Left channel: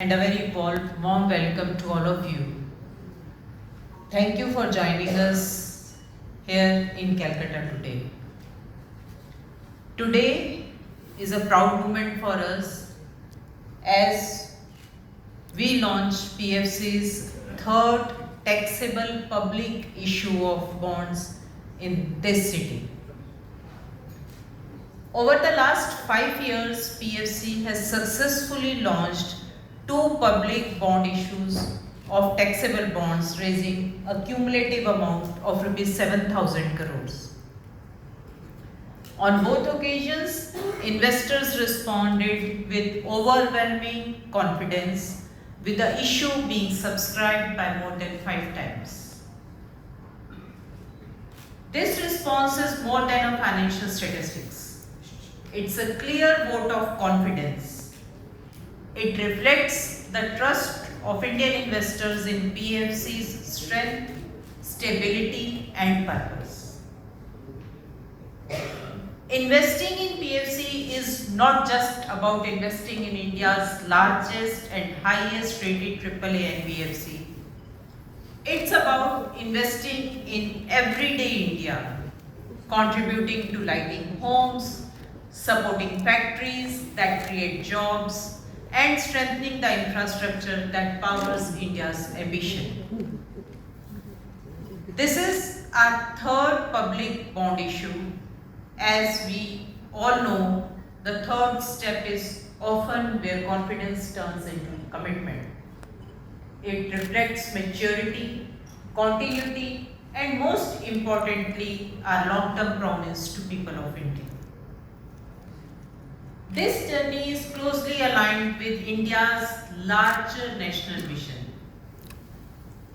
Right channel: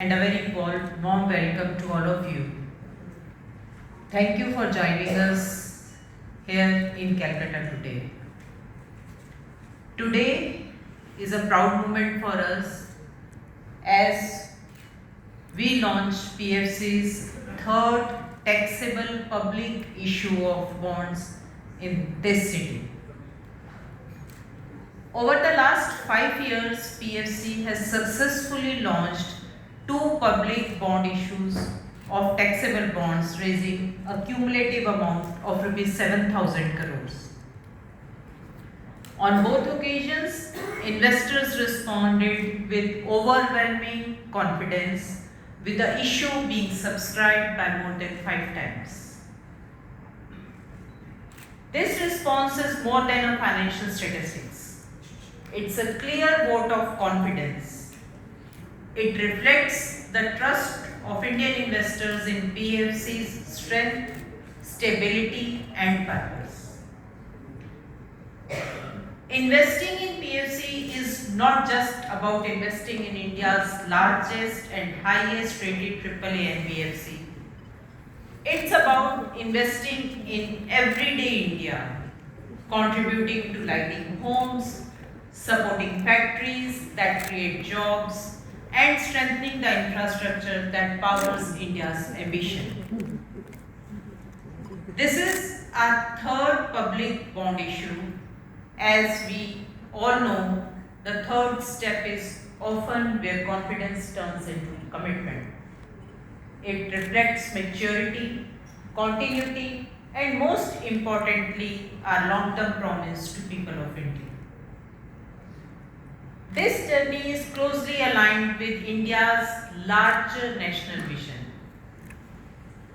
And a very warm welcome to all of you. Thank you for joining us here in Calcutta today. Today is a proud moment for us as we launch PFC's third taxable public issue of bonds in this city. Over the last 5 years, PFC has successfully launched two public bond issues of taxable bonds raising a cumulative amount of rupees 7,000 crores. On both occasions, investors responded with overwhelming confidence, with the issue being subscribed by more than 5 times. This response is more than a financial statistics. It's a clear vote of confidence. It reflects the trust of Indian investors in PFC's strength, stability, and purpose. Investing in PFC is not just about investing in India's largest and highest rated AAA NBFC. It's about investing in everyday India, contributing to lighting homes, supporting factories that create jobs, and strengthening the infrastructure that powers India's ambition. This is our third public bond issue. As we all know, the third step is often where confidence turns into commitment. It reflects maturity, continuity, and most importantly, our long-term promise to people of India. This journey is closely aligned with India's larger national vision.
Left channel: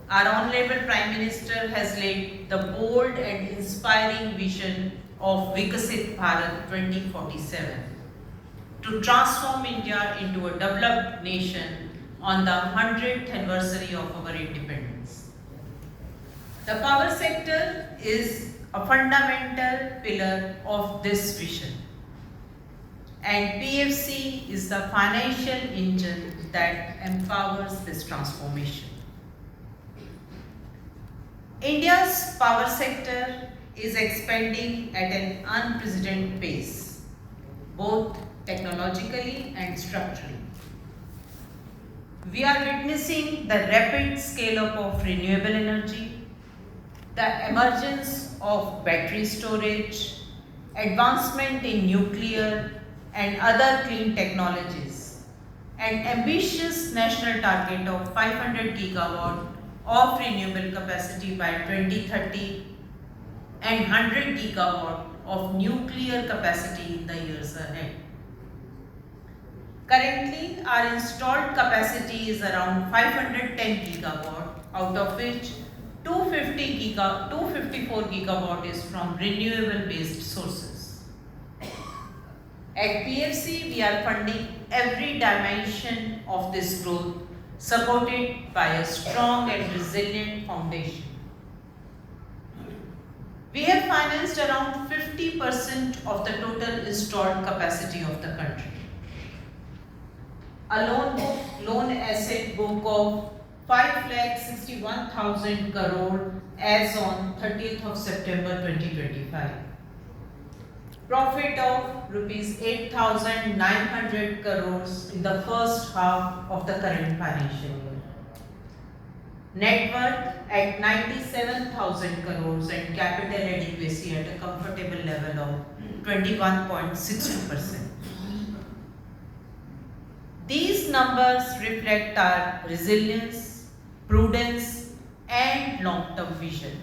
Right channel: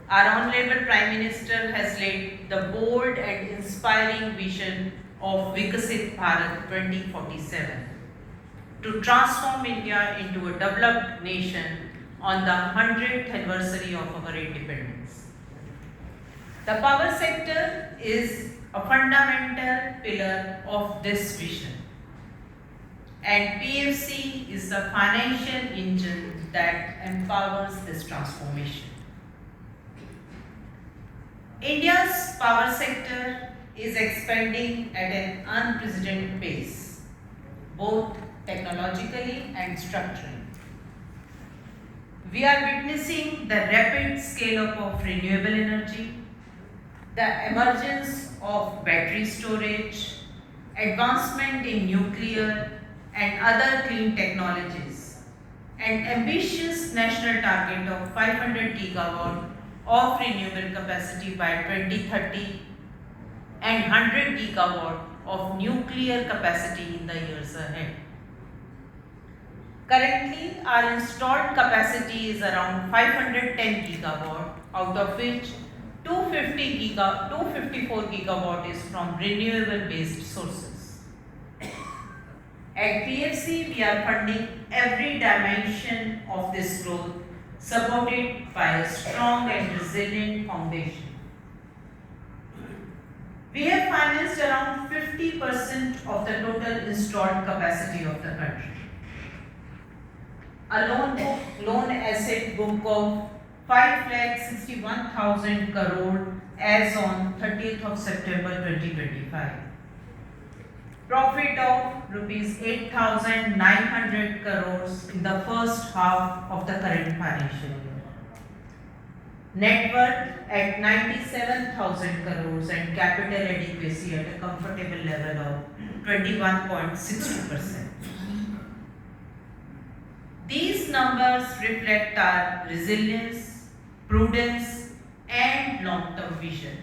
Our Honorable Prime Minister has laid the bold and inspiring vision of Viksit Bharat 2047 to transform India into a developed nation on the 100th anniversary of our independence. The power sector is a fundamental pillar of this vision, and PFC is the financial engine that empowers this transformation. India's power sector is expanding at an unprecedented pace, both technologically and structurally. We are witnessing the rapid scale-up of renewable energy, the emergence of battery storage, advancement in nuclear and other clean technologies, an ambitious national target of 500 gigawatt of renewable capacity by 2030 and 100 gigawatt of nuclear capacity in the years ahead. Currently, our installed capacity is around 510 gigawatt, out of which 254 gigawatt is from renewable based sources. At PFC, we are funding every dimension of this growth, supported by a strong and resilient foundation. We have financed around 50% of the total installed capacity of the country. A loan asset book of 5,61,000 crore as on 30th of September 2025. Profit of rupees 8,900 crores in the first half of the current financial year. Net worth at 97,000 crores and capital adequacy at a comfortable level of 21.62%. These numbers reflect our resilience, prudence, and long-term vision.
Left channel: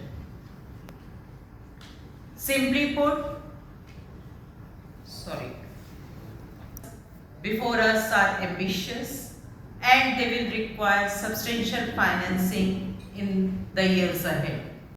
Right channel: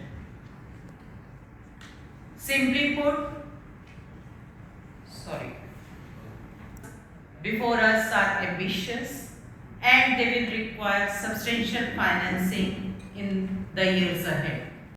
Simply put, before us are ambitious, and they will require substantial financing in the years ahead.